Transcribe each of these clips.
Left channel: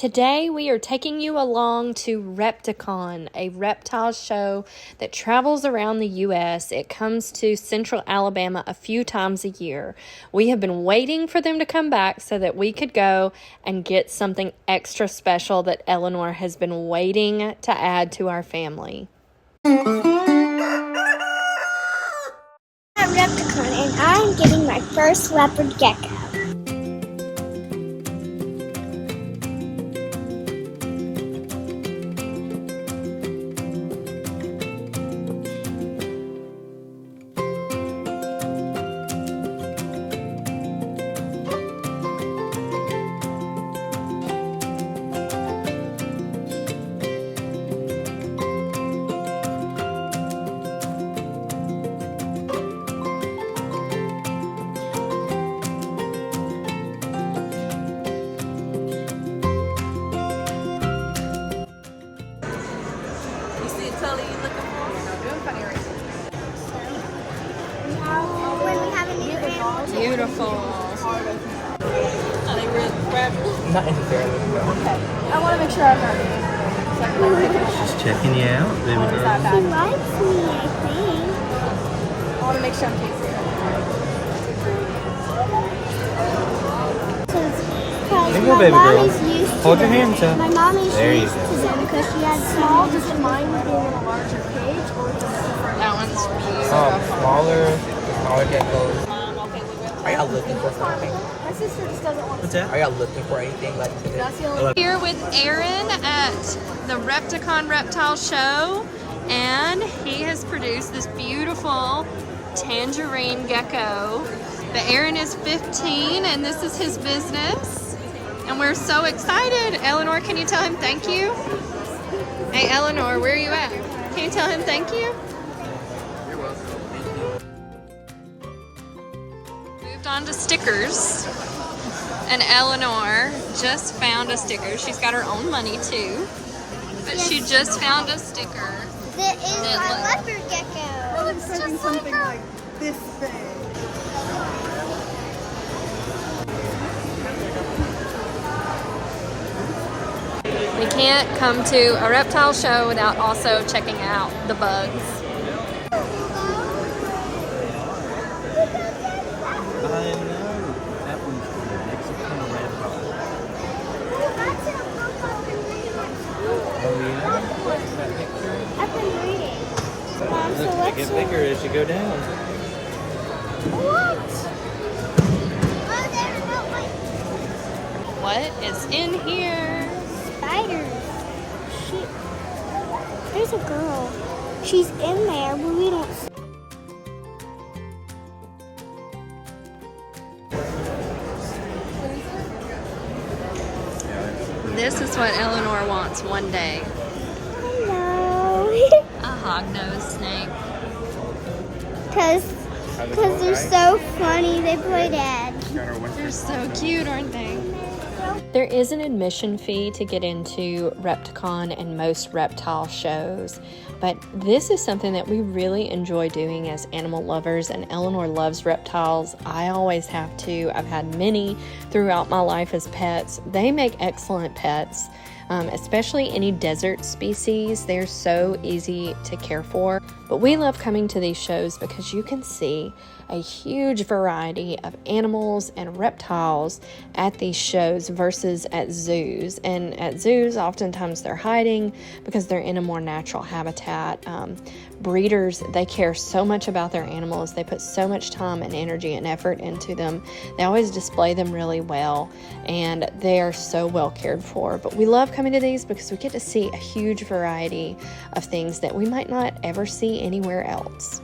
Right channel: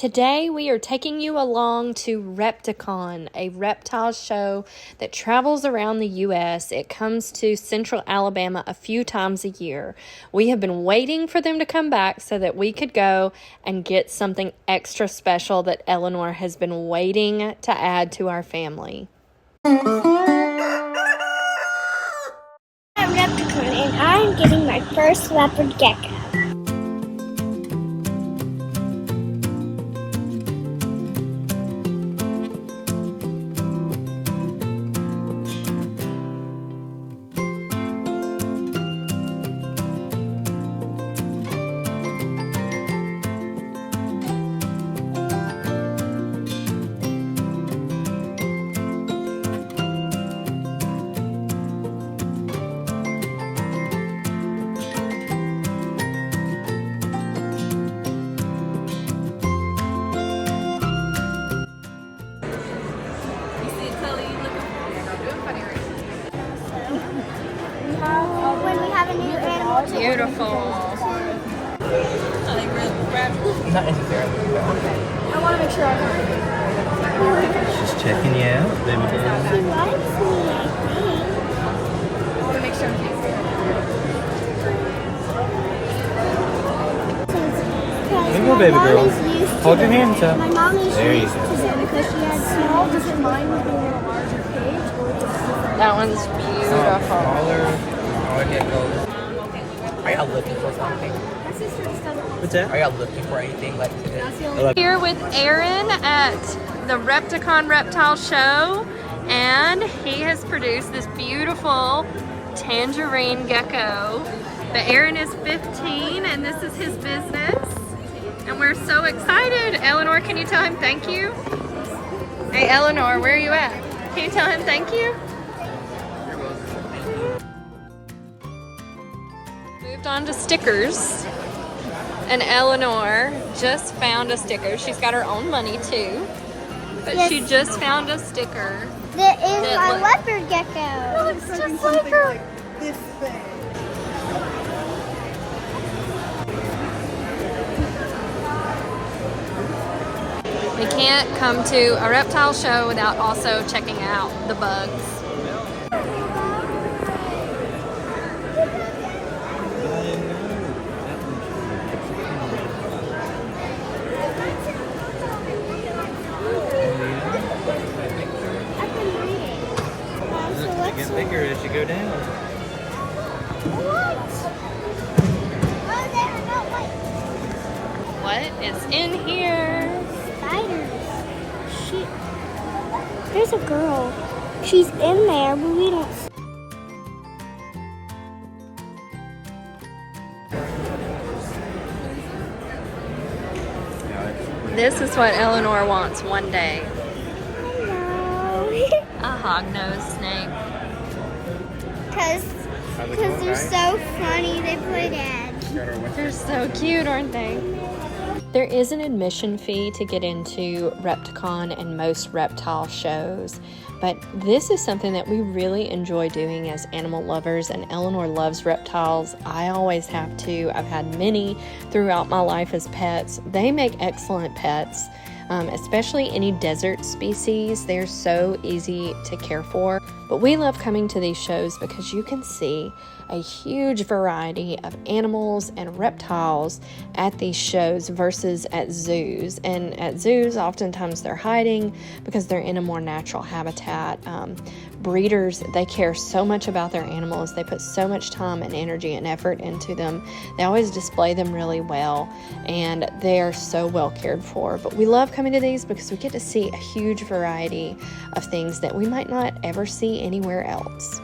Today we are taking you along to Repticon, a reptile show that travels around the U.S. It comes to Central Alabama a few times a year. We have been waiting for them to come back so that we could go and get something extra special that Eleanor has been waiting to add to our family. At Repticon, and I'm getting my first leopard gecko. Beautiful. Not necessarily. Okay. I want to make sure I can. Just checking you out, baby girl. She likes me, I think. I want to make sure I'm There you go, baby girl. Hold your hands up. My mom used There you to go. them because she had small. Does it mind being in a larger cage? Or That one's beautiful. Smaller geckos. Are y'all looking for something? My sister just doesn't want What's that? Are y'all looking for anything like today? Here with Aaron at the Repticon Reptile Show, and he has produced this beautiful Tangerine Gecko. But Aaron is 15 and this is his business, and we're so excited. Eleanor, can you tell him thank you? Hey Eleanor, where are you at? Can you tell him thank you? You're welcome. Thank you. Moved on to stickers, and Eleanor just found a sticker. She's got her own money too, but she just found a sticker. There is That a look- leopard gecko. It looks just like her. This big. We can't come to a reptile show without also checking out the bugs. I know. That one's cool. It's a kind of red color. Oh yeah? What's that picture? I've been reading. So Look, they let's get see. bigger as you go down. What? What is in here? Spiders. There's a girl. She's in there, but we don't see. This is what Eleanor wants one day. No. A hog-nosed snake. Because they're so funny. They play dead. They're so cute, aren't they? There is an admission fee to get into Repticon and most reptile shows, but this is something that we really enjoy doing as animal lovers, and Eleanor loves reptiles. I always have too. I've had many throughout my life as pets. They make excellent pets, especially any desert species. They're so easy to care for. But we love coming to these shows because you can see a huge variety of animals and reptiles at these shows versus at zoos. And at zoos, oftentimes they're hiding because they're in a more natural habitat. Breeders, they care so much about their animals. They put so much time and energy and effort into them. They always display them really well, and they are so well cared for. But we love coming to these because we get to see a huge variety of things that we might not ever see anywhere else.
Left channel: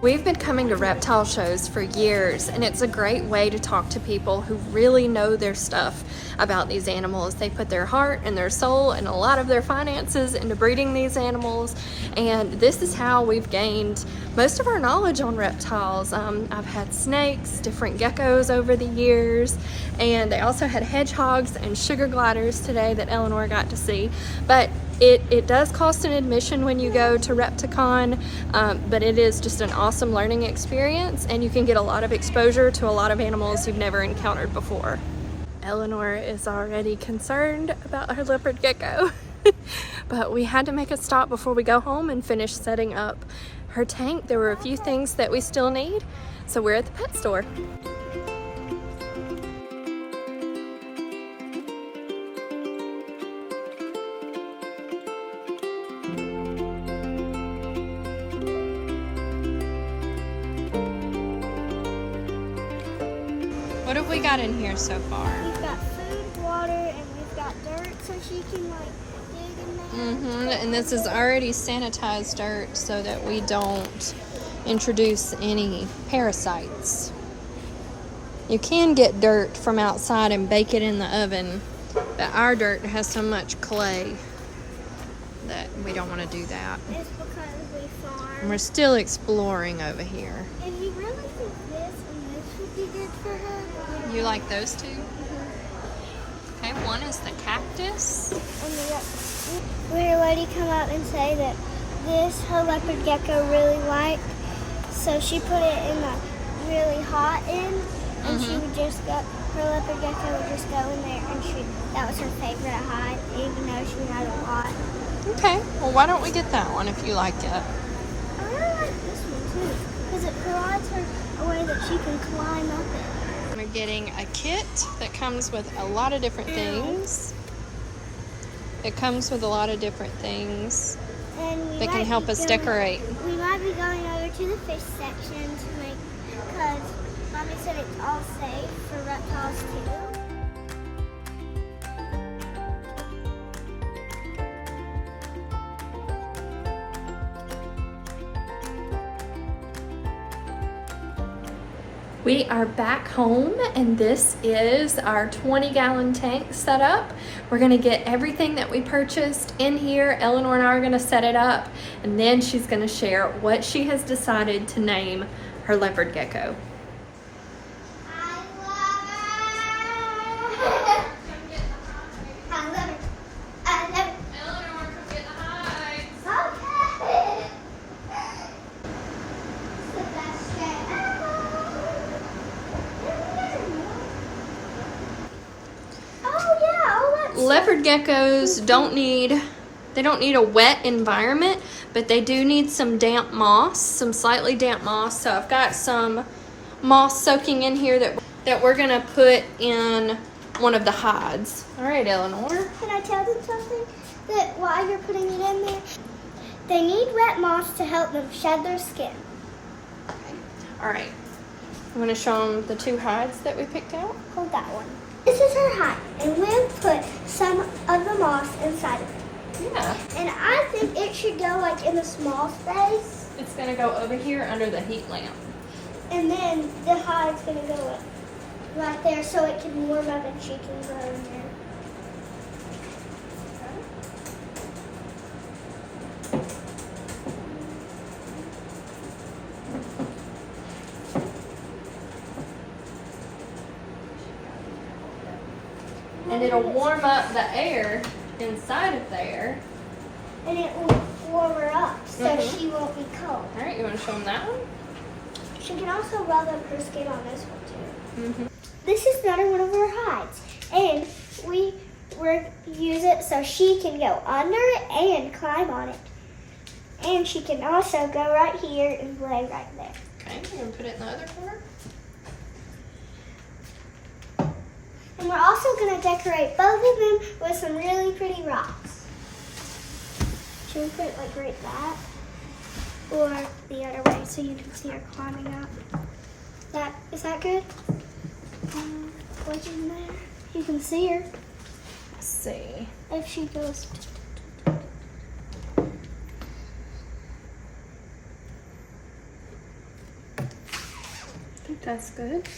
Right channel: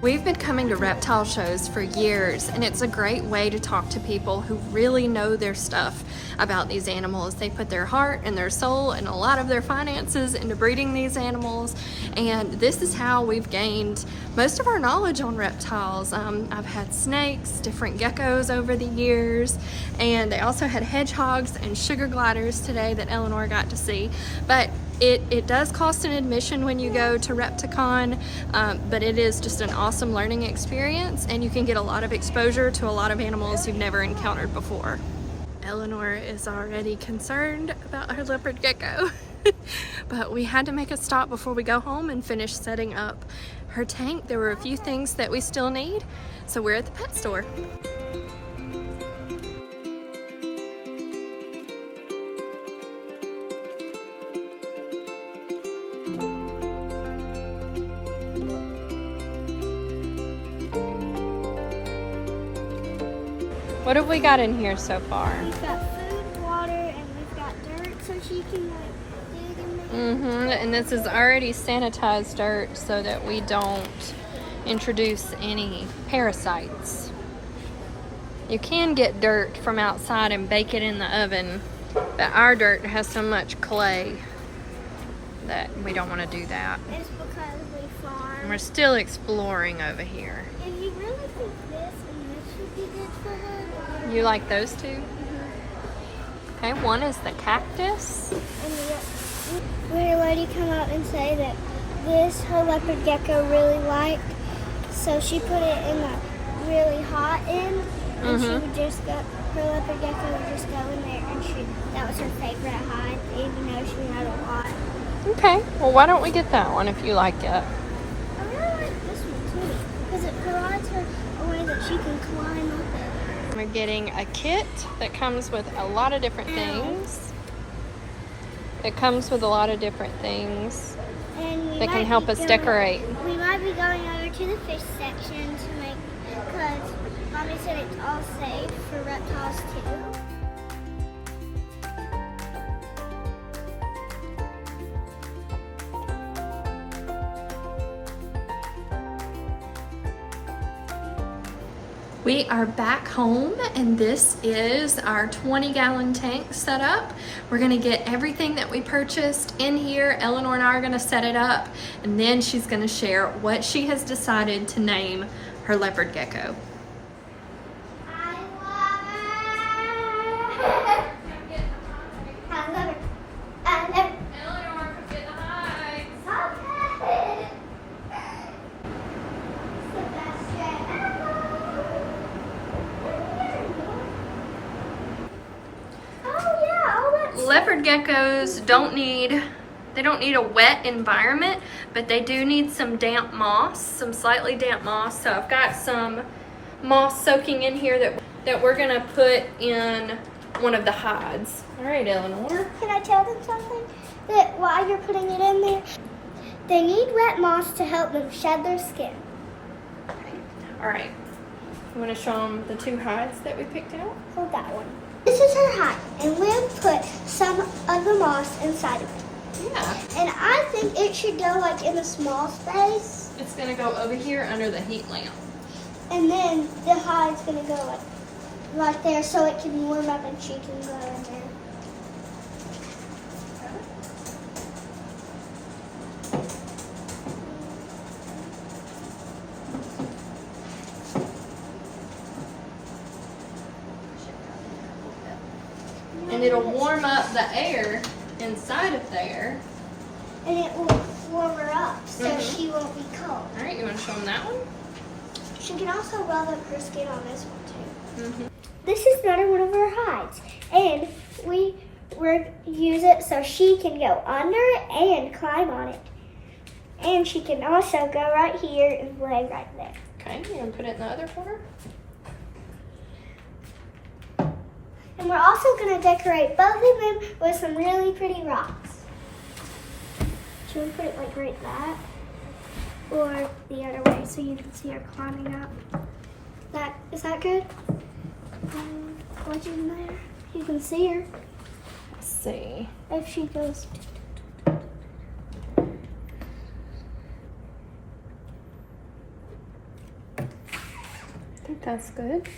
We've been coming to reptile shows for years, and it's a great way to talk to people who really know their stuff about these animals. They put their heart and their soul and a lot of their finances into breeding these animals, and this is how we've gained most of our knowledge on reptiles. I've had snakes, different geckos over the years, and they also had hedgehogs and sugar gliders today that Eleanor got to see. But it does cost an admission when you go to Repticon, but it is just an awesome learning experience, and you can get a lot of exposure to a lot of animals you've never encountered before. Eleanor is already concerned about her leopard gecko. But we had to make a stop before we go home and finish setting up her tank. There were a few things that we still need, so we're at the pet store. What have we got in here so far? We've got food, water, and we've got dirt so she can like dig in there. And this is already sanitized dirt so that we don't introduce any parasites. You can get dirt from outside and bake it in the oven, but our dirt has so much clay that we don't want to do that. It's because we farm. And we're still exploring over here. And you really think this and this would be good for her? You like those two? Okay, one is the cactus. We had a lady come out and say that this her leopard gecko really liked, so she put it in the really hot end, and she would just go. Her leopard gecko would just go in there, and that was her favorite hide, even though she had a lot. Okay, well why don't we get that one if you like it? I really like this one too, because it provides her a way that she can climb up it. We're getting a kit that comes with a lot of different things. It comes with a lot of different things that can help us decorate. We might be going over to the fish section to make, because Mommy said it's all safe for reptiles too. We are back home, and this is our 20-gallon tank set up. We're gonna get everything that we purchased in here. Eleanor and I are gonna set it up, and then she's gonna share what she has decided to name her leopard gecko. Leopard geckos don't need a wet environment, but they do need some damp moss, some slightly damp moss. So I've got some moss soaking in here that we're gonna put in one of the hides. All right, Eleanor. Can I tell them something? That while you're putting it in there, they need wet moss to help them shed their skin. All right. I'm gonna show them the two hides that we picked out. Hold that one. This is her hide, and we'll put some of the moss inside of it. Yeah. And I think it should go like in a small space. It's gonna go over here under the heat lamp. And then the hide's gonna go like right there so it can warm up and she can go in there. And it'll warm up the air inside of there. And it will warm her up so she won't be cold. All right, you want to show them that one? She can also rub up her skin on this one too. This is another one of her hides. And we're use it so she can go under it and climb on it. And she can also go right here and lay right there. Okay, you want to put it in the other corner? And we're also going to decorate both of them with some really pretty rocks. Should we put it like right back? Or the other way so you can see her climbing up? Is that good? What's in there? You can see her. Let's see. If she goes... I think that's good.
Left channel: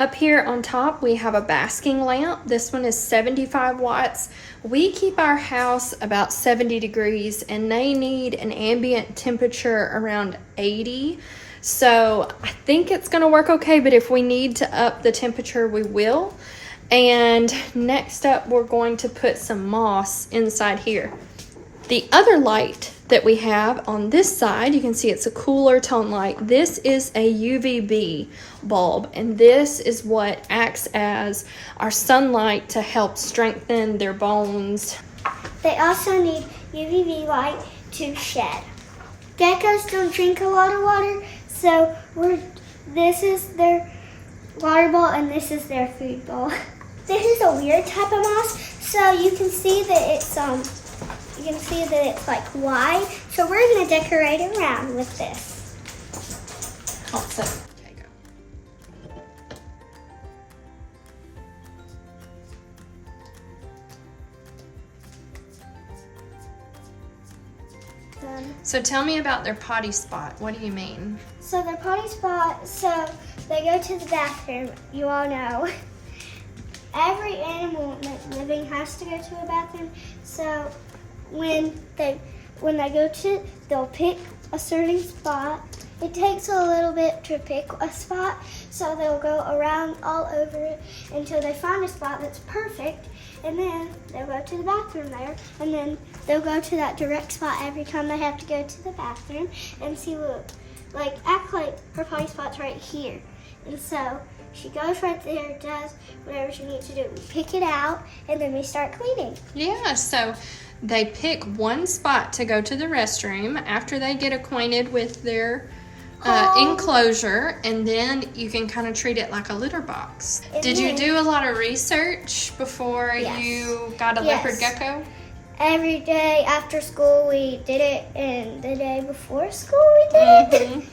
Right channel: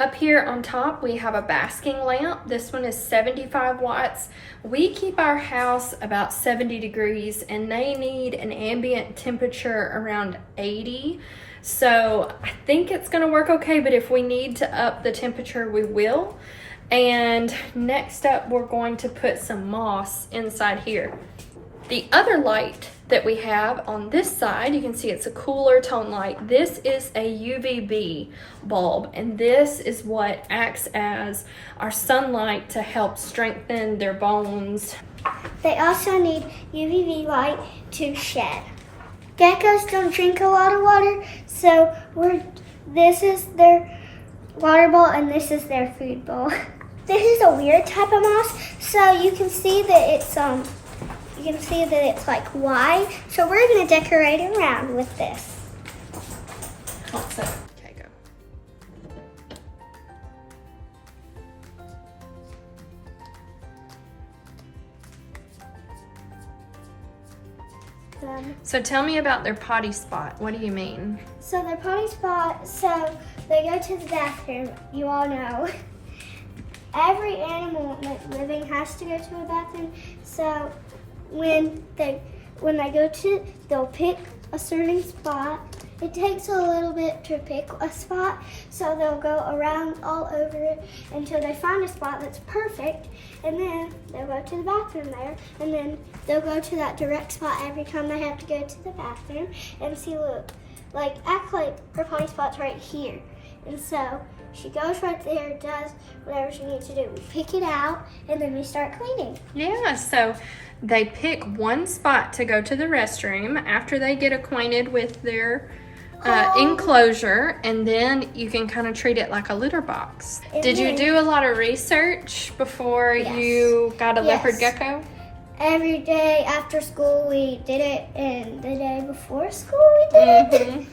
Up here on top, we have a basking lamp. This one is 75 watts. We keep our house about 70 degrees and they need an ambient temperature around 80. So I think it's gonna work okay, but if we need to up the temperature, we will. And next up, we're going to put some moss inside here. The other light that we have on this side, you can see it's a cooler tone light. This is a UVB bulb, and this is what acts as our sunlight to help strengthen their bones. They also need UVB light to shed. Geckos don't drink a lot of water, so this is their water bowl and this is their food bowl. This is a weird type of moss, so you can see that it's like wide. So we're gonna decorate it around with this. Okay, go. So tell me about their potty spot. What do you mean? So their potty spot, so they go to the bathroom. You all know. Every animal living has to go to a bathroom. So when they go to, they'll pick a certain spot. It takes a little bit to pick a spot, so they'll go around all over it until they find a spot that's perfect, and then they'll go to the bathroom there, and then they'll go to that direct spot every time they have to go to the bathroom. And see, look, like act like her potty spot's right here, and so she goes right there, does whatever she needs to do. We pick it out, and then we start cleaning. Yeah, so they pick one spot to go to the restroom after they get acquainted with their enclosure, and then you can kind of treat it like a litter box. Did you do a lot of research before you got a leopard gecko? Every day after school we did it, and the day before school we did it.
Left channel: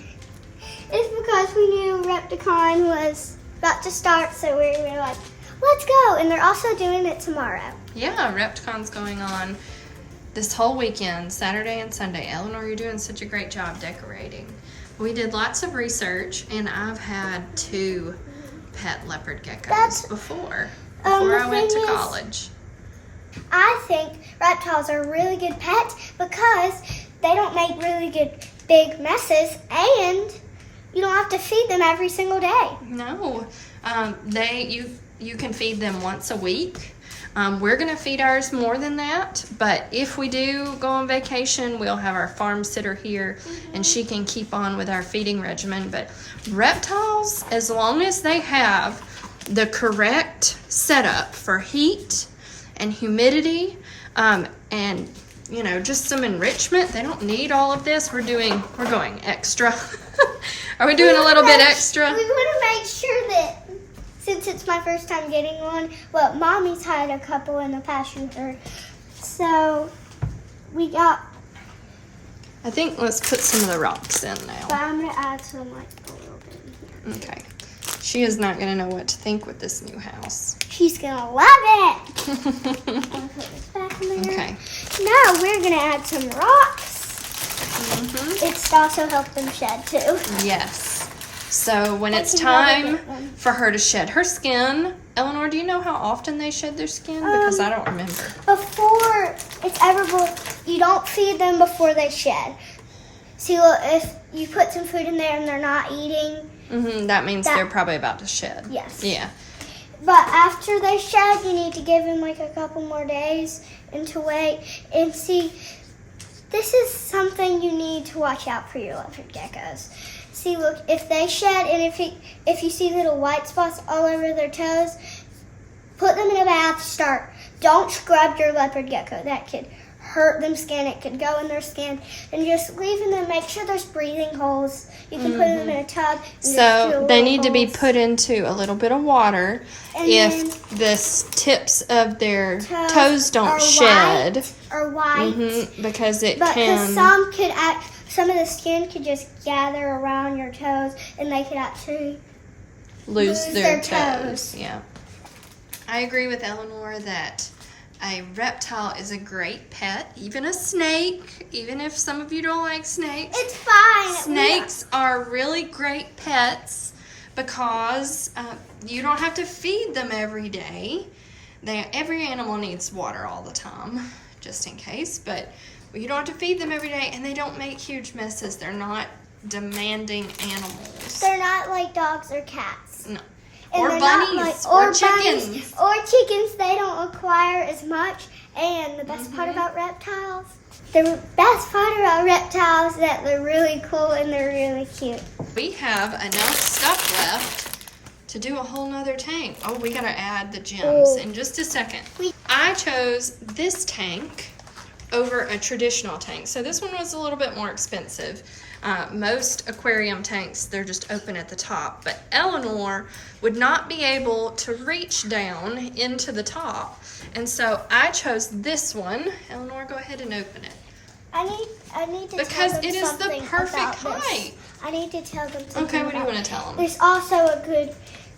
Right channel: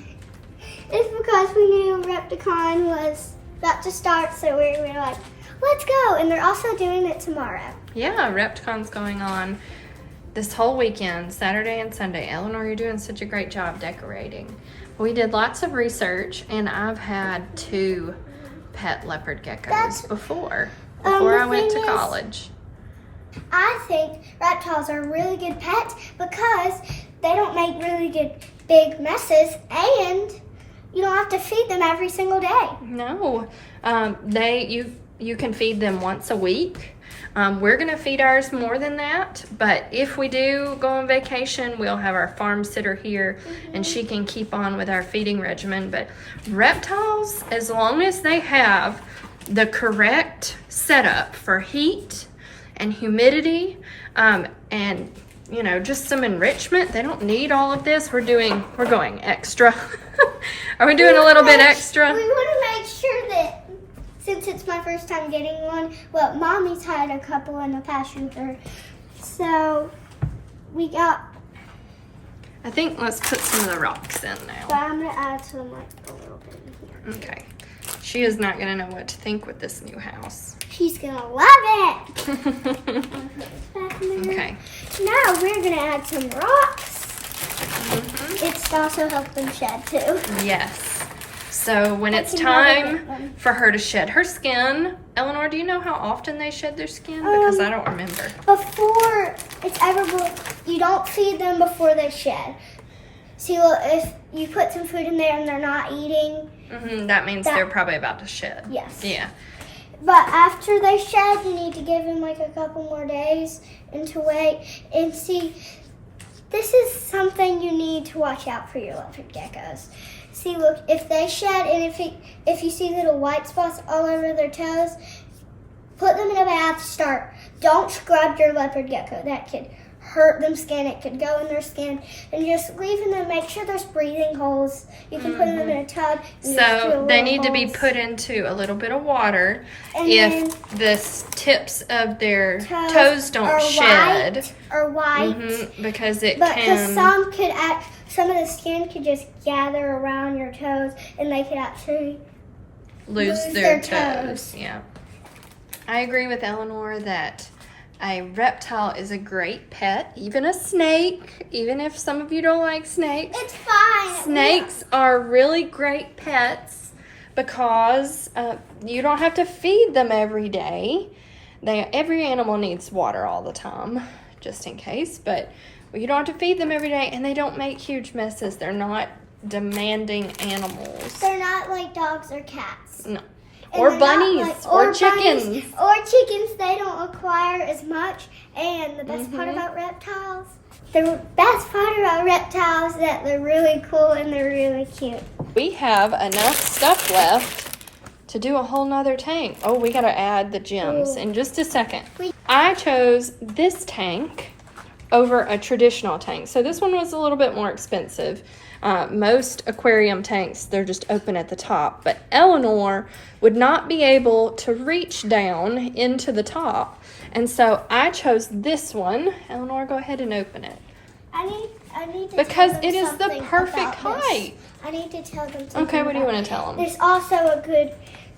It's because we knew Repticon was about to start, so we were like, let's go. And they're also doing it tomorrow. Yeah, Repticon's going on this whole weekend, Saturday and Sunday. Eleanor, you're doing such a great job decorating. We did lots of research, and I've had 2 pet leopard geckos before I went to college. I think reptiles are really good pets because they don't make really good big messes, and you don't have to feed them every single day. No, you can feed them once a week. We're gonna feed ours more than that, but if we do go on vacation, we'll have our farm sitter here, and she can keep on with our feeding regimen. But reptiles, as long as they have the correct setup for heat and humidity, and just some enrichment, they don't need all of this. We're going extra. Are we doing a little bit extra? We want to make sure that, since it's my first time getting one, well, Mommy's had a couple in the past year, so we got. I think let's put some of the rocks in now. But I'm gonna add some like a little bit in here. Okay. She is not gonna know what to think with this new house. She's gonna love it. I'll put this back in there. Okay. Now we're gonna add some rocks. It's also helped them shed too. Yes. So when it's time for her to shed her skin, Eleanor, do you know how often they shed their skin? Because I don't remember. Before it's ever, you don't feed them before they shed. See, look, if you put some food in there and they're not eating, that means they're probably about to shed. Yes. Yeah. But after they shed, you need to give them like a couple more days and to wait and see. This is something you need to watch out for your leopard geckos. See, look, if they shed and if you see little white spots all over their toes, put them in a bath. Don't scrub your leopard gecko. That could hurt them skin. It could go in their skin. And just leaving them, make sure there's breathing holes. You can put them in a tub. So they need to be put into a little bit of water if the tips of their toes don't shed. Because some of the skin could just gather around your toes, and they could actually lose their toes. Yeah. I agree with Eleanor that a reptile is a great pet, even a snake, even if some of you don't like snakes. It's fine. Snakes are really great pets because you don't have to feed them every day. Every animal needs water all the time, just in case, but you don't have to feed them every day, and they don't make huge messes. They're not demanding animals. They're not like dogs or cats. No. Or bunnies, or chickens. Or chickens, they don't require as much. And the best part about reptiles, the best part about reptiles is that they're really cool and they're really cute. We have enough stuff left to do a whole nother tank. Oh, we gotta add the gems in just a second. I chose this tank over a traditional tank. So this one was a little bit more expensive. Most aquarium tanks, they're just open at the top, but Eleanor would not be able to reach down into the top. And so I chose this one. Eleanor, go ahead and open it. I need to because tell them it is the something perfect about height. this. I need to tell them something. Okay, what do you about want to tell them? There's also a good,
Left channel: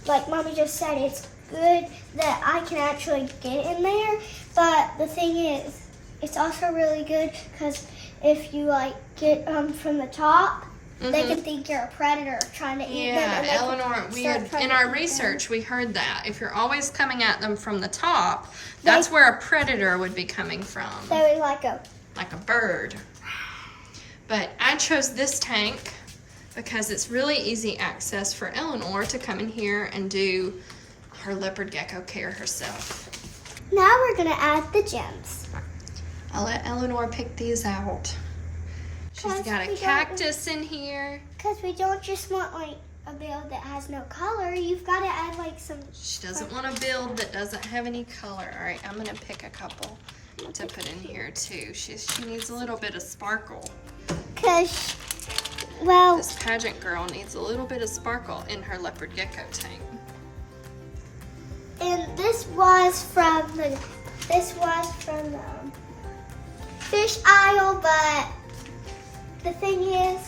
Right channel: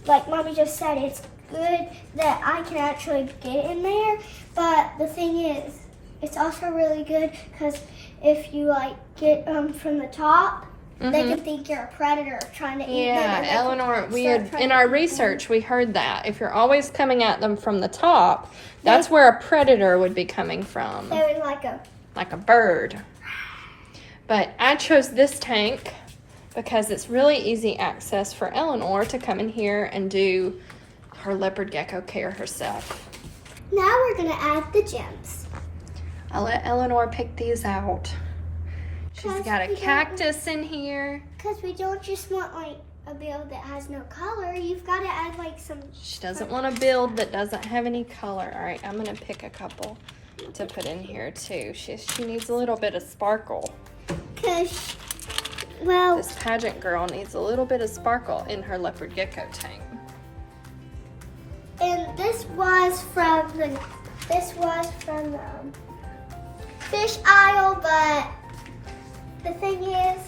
like Mommy just said, it's good that I can actually get in there. But the thing is, it's also really good because if you like get from the top, they can think you're a predator trying to eat them. Yeah, Eleanor, in our research, we heard that. If you're always coming at them from the top, that's where a predator would be coming from. They would like a bird. But I chose this tank because it's really easy access for Eleanor to come in here and do her leopard gecko care herself. Now we're gonna add the gems. I'll let Eleanor pick these out. She's got a cactus in here. Because we don't just want like a build that has no color. You've got to add like some. She doesn't want a build that doesn't have any color. All right, I'm gonna pick a couple to put in here too. She needs a little bit of sparkle. Because, well, This pageant girl needs a little bit of sparkle in her leopard gecko tank. and this was from the fish aisle, but the thing is,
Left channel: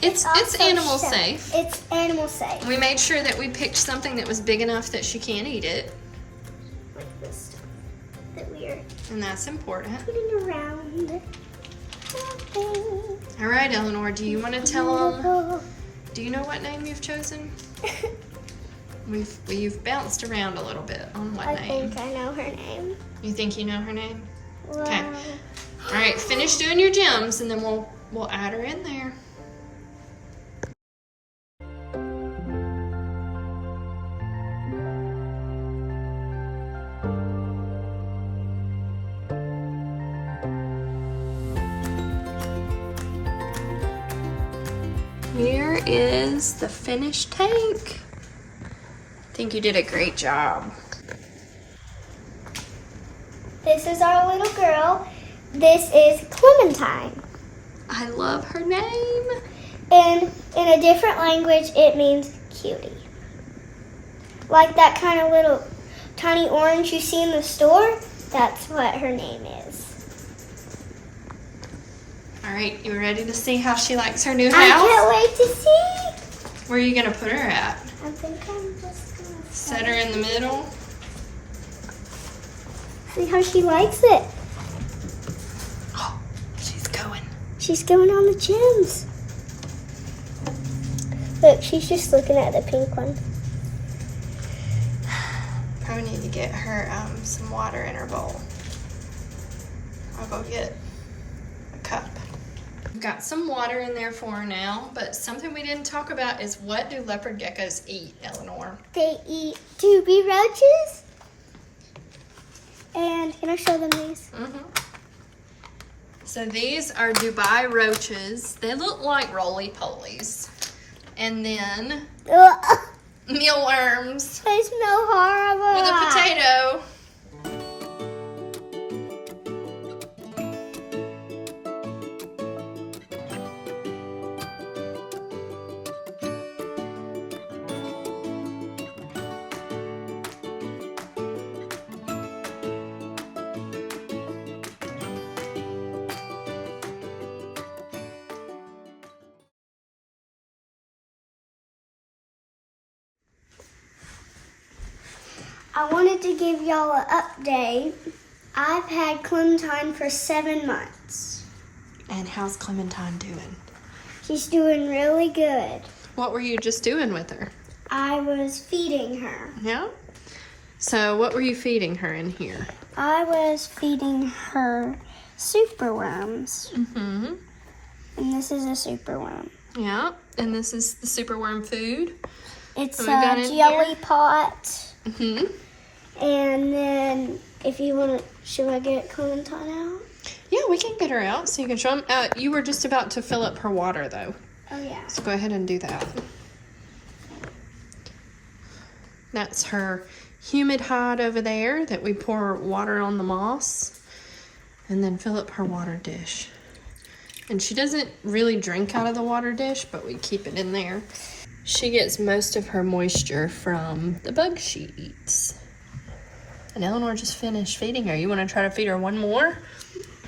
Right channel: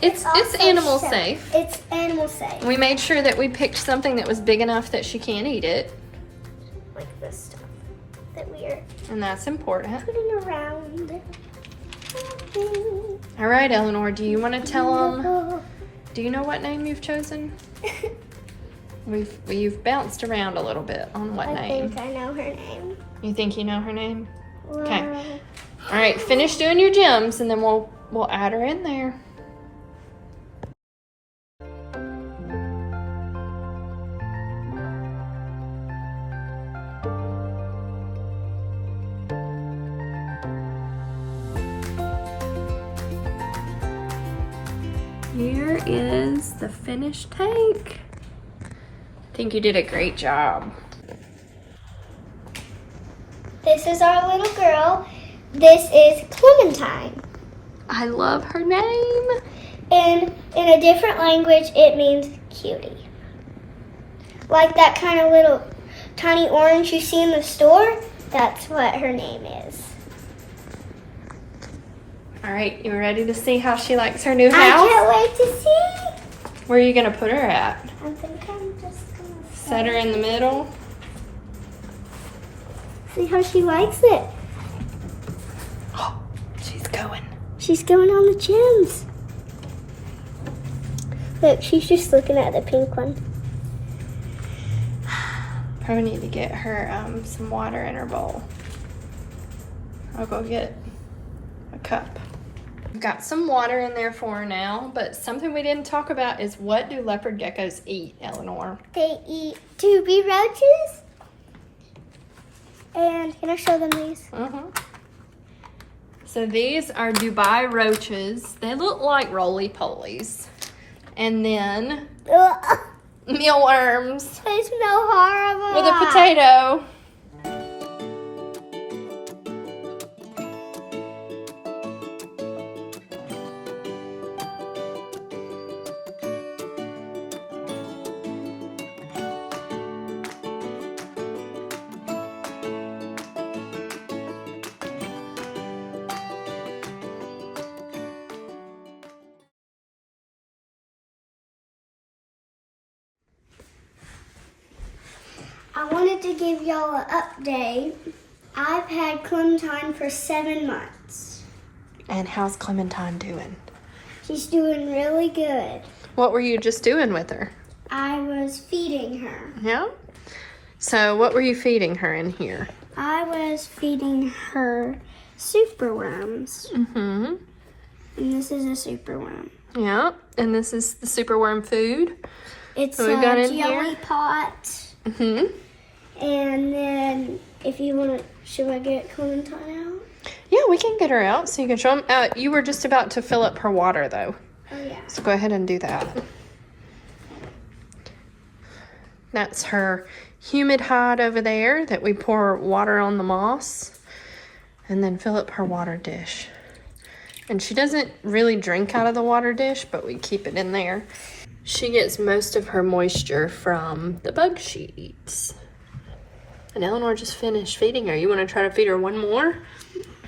It's also animal safe. safe. It's animal safe. We made sure that we picked something that was big enough that she can't eat it, Like this stuff that we are and that's important. putting around. All right, Eleanor, do you want to tell them? Do you know what name you've chosen? You've bounced around a little bit on what I name. think I know her name. You think you know her name? Wow. Okay. All right, finish doing your gems, and then we'll add her in there. Here is the finished tank. I think you did a great job. This is our little girl. This is Clementine. I love her name. And in a different language, it means cutie. Like that kind of little tiny orange you see in the store, that's what her name is. All right, you ready to see how she likes her new house? I can't wait to see. Where are you gonna put her at? I think I'm just gonna Set her in the middle. see how she likes it. Oh, she's going. She's going on the gems. Look, she's just looking at the pink one. Probably need to get her some water in her bowl. I'll go get a cup. I've got some water in there for her now, but something we didn't talk about is what do leopard geckos eat, Eleanor? They eat doobie roaches. And can I show them these? So these are Dubai roaches. They look like roly-polies. And then Ugh, mealworms they smell horrible. with a potato. I wanted to give y'all an update. I've had Clementine for 7 months. And how's Clementine doing? She's doing really good. What were you just doing with her? I was feeding her. Yeah? So what were you feeding her in here? I was feeding her superworms. Mm-hmm. And this is a superworm. Yeah. And this is the superworm food. It's What we got a in jelly here? pot. Mm-hmm. And then if you want to, should I get Clementine out? Yeah, we can get her out so you can show them. You were just about to fill up her water, though. Oh, yeah. So go ahead and do that. That's her humid hide over there that we pour water on the moss and then fill up her water dish. And she doesn't really drink out of the water dish, but we keep it in there. She gets most of her moisture from the bugs she eats. And Eleanor just finished feeding her. You want to try to feed her one more?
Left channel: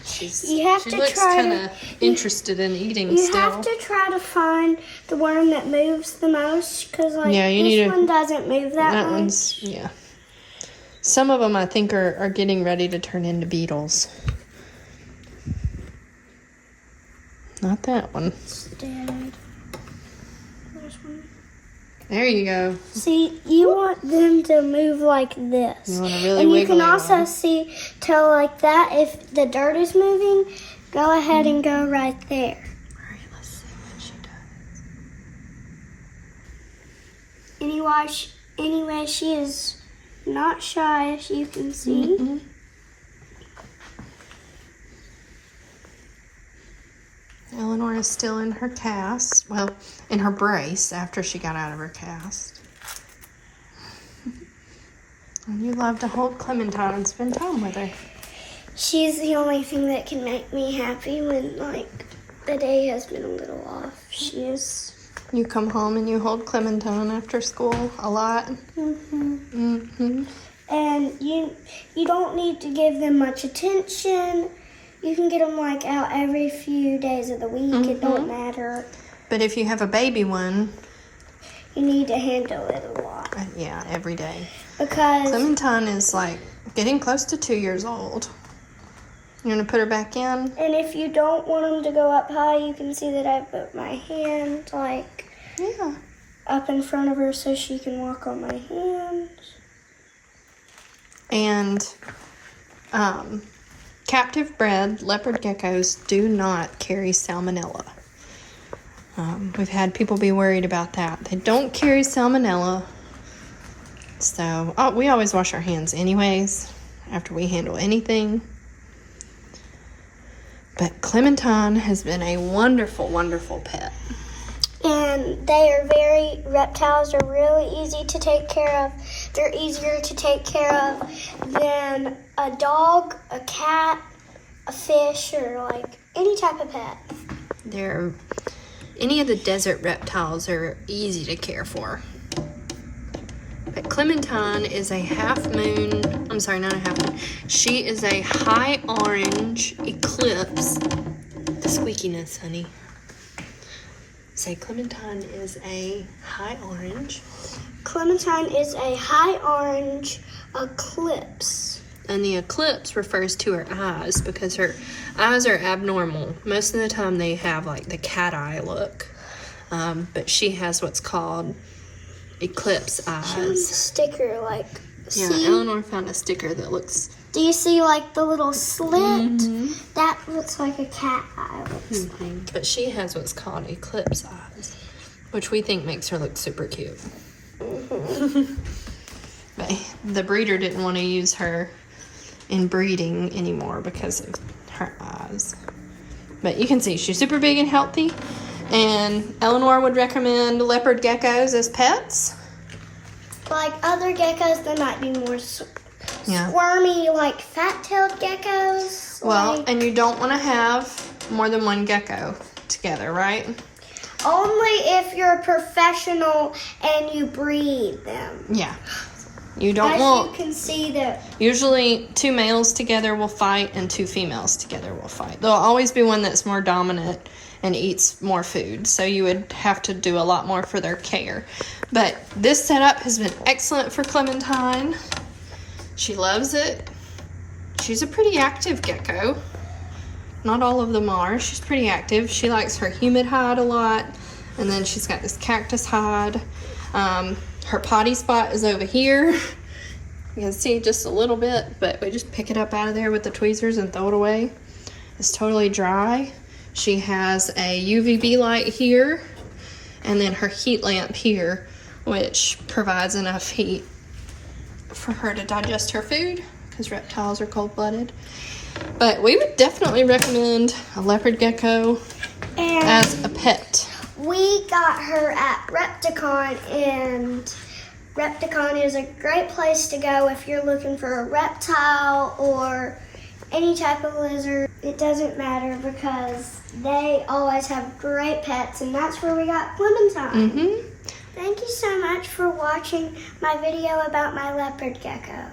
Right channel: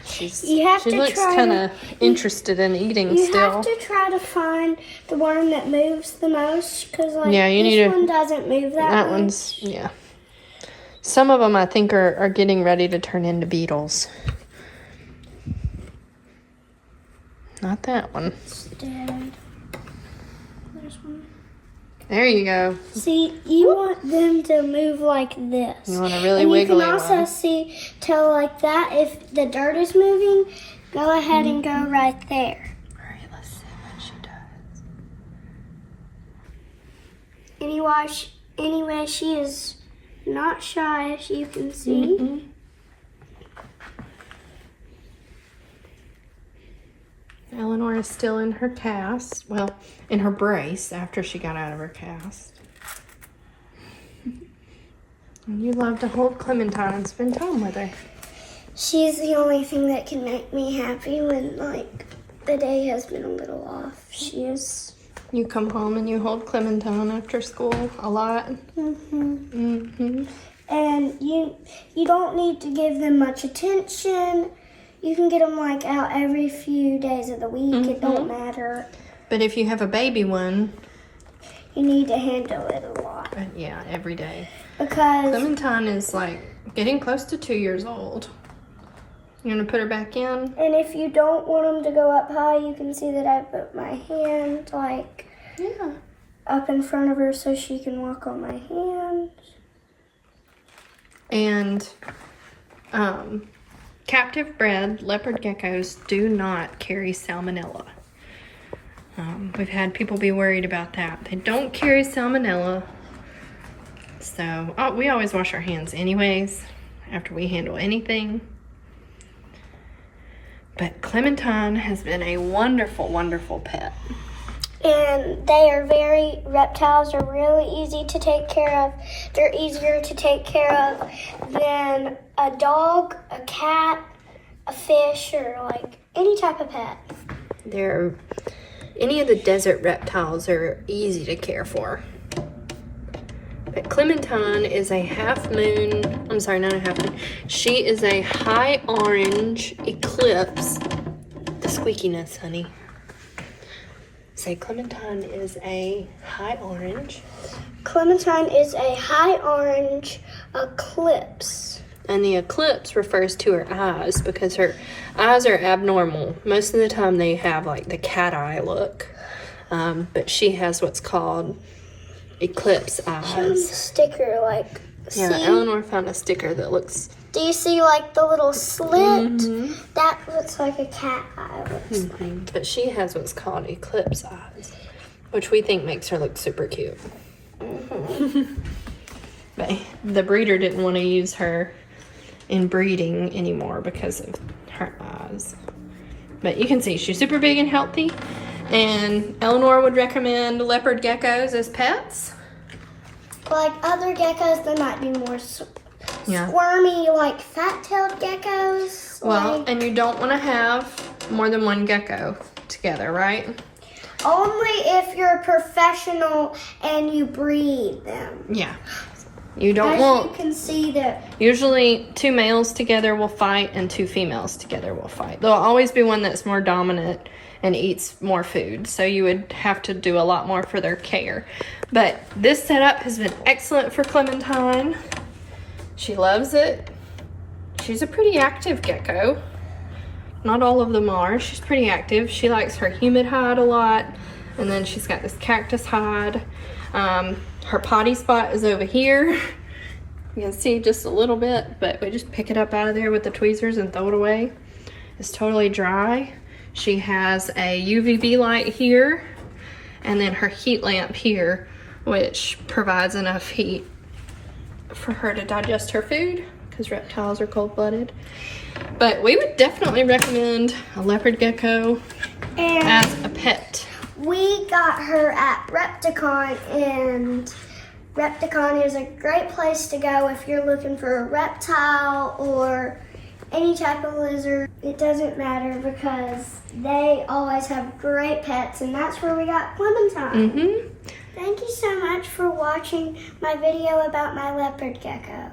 She looks kind of interested in eating still. You have to try to find the worm that moves the most, because like this one doesn't move that much. One's, yeah. Some of them I think are getting ready to turn into beetles. Not that one. It's dead. There's one. There you go. See, you want them to move like this. You want a really and wiggly you can also one. tell like that if the dirt is moving, go ahead and go right there. All right, let's see what she does. Anyway, she is not shy, as you can see. Mm-hmm. Eleanor is still in her cast. Well, in her brace after she got out of her cast. And you love to hold Clementine and spend time with her. She's the only thing that can make me happy when, like, the day has been a little off. She is. You come home and you hold Clementine after school a lot. And you don't need to give them much attention. You can get them like out every few days of the week. It don't matter. But if you have a baby one, you need to handle it a lot. Yeah, every day. Because Clementine is like getting close to 2 years old. You want to put her back in? And if you don't want them to go up high, you can see that I put my hand like up in front of her so she can walk on my hands. And captive bred leopard geckos do not carry salmonella. We've had people be worried about that. They don't carry salmonella. So we always wash our hands anyways after we handle anything. But Clementine has been a wonderful, wonderful pet. And reptiles are really easy to take care of. They're easier to take care of than a dog, a cat, a fish, or like any type of pet. Any of the desert reptiles are easy to care for. But Clementine is a she is a high orange eclipse. The squeakiness, honey. Say Clementine is a high orange. Clementine is a high orange eclipse. And the eclipse refers to her eyes because her eyes are abnormal. Most of the time they have like the cat eye look. But she has what's called eclipse eyes. She has a sticker like. Yeah, see? Eleanor found a sticker that looks. Do you see like the little slit? That looks like a cat eye. But she has what's called eclipse eyes, which we think makes her look super cute. But the breeder didn't want to use her in breeding anymore because of her eyes. But you can see she's super big and healthy. And Eleanor would recommend leopard geckos as pets. Like other geckos, they might be more Yeah. squirmy, like fat-tailed geckos. Well, and you don't want to have more than one gecko together, right? Only if you're a professional and you breed them. Yeah. You don't As want... you can see that. Usually 2 males together will fight and 2 females together will fight. There'll always be one that's more dominant and eats more food. So you would have to do a lot more for their care. But this setup has been excellent for Clementine. She loves it. She's a pretty active gecko. Not all of them are. She's pretty active. She likes her humid hide a lot. And then she's got this cactus hide. Her potty spot is over here. You can see just a little bit, but we just pick it up out of there with the tweezers and throw it away. It's totally dry. She has a UVB light here, and then her heat lamp here, which provides enough heat for her to digest her food, because reptiles are cold-blooded. But we would definitely recommend a leopard gecko as a pet. We got her at Repticon, and Repticon is a great place to go if you're looking for a reptile or any type of lizard. It doesn't matter because they always have great pets, and that's where we got Clementine. Thank you so much for watching my video about my leopard gecko.